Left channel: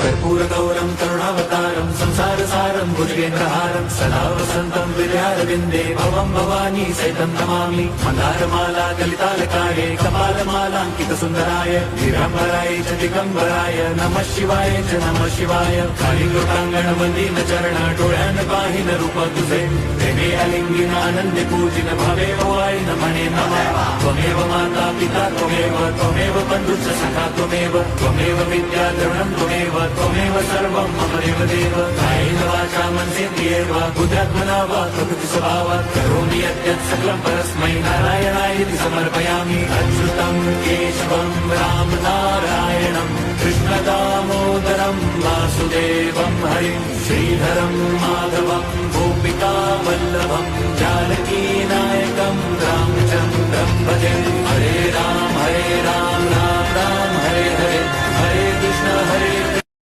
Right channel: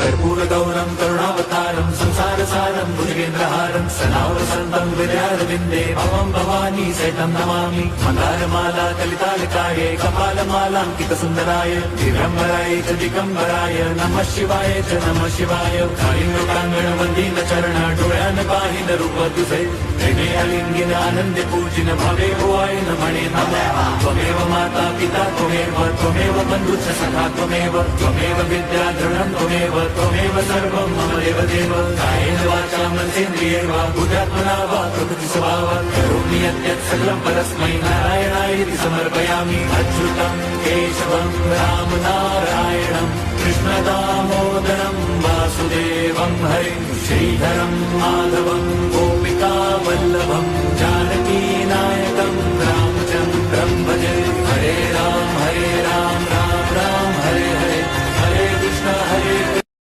कर्पूर गौरम करुणावतारम संसार सारम भुजगेंद्रहारम सदा वसंतम विद्यारविंदे भवम भवानी सहितं नमामि मंदारमाला कलितालकार्ये कपालमालांकित सुंदराय दिगंबराय च दिगंबराय नमः शिवाय च नमः शिवाय कालिंगोटांगण मंदिर चरण डोळ्यान पाहिन रूप तुझे प्रेमे अलिंगिन आनंदी पूजिन भावे ओवाय नमणे नमः त्वमेव माता पिता त्वमेव बंधुश्च सखा त्वमेव विद्या द्रविणं त्वमेव सर्वं मम देव कायेन वाचा मनसेन्द्रियैर्वा बुद्ध्यात्मना वा प्रकृति स्वभावात् करोमि यद्यत् सकलं परस्मै नारायणाय इति समर्पयामि अच्युतं केशवं राम नारायणं कृष्णदामोदरं वासुदेवं हरिं श्रीधरं माधवं गोपिका वल्लभं जानकी नायकं रामचन्द्रं भजे हरे राम राम राम हरे हरे हरे कृष्ण हरे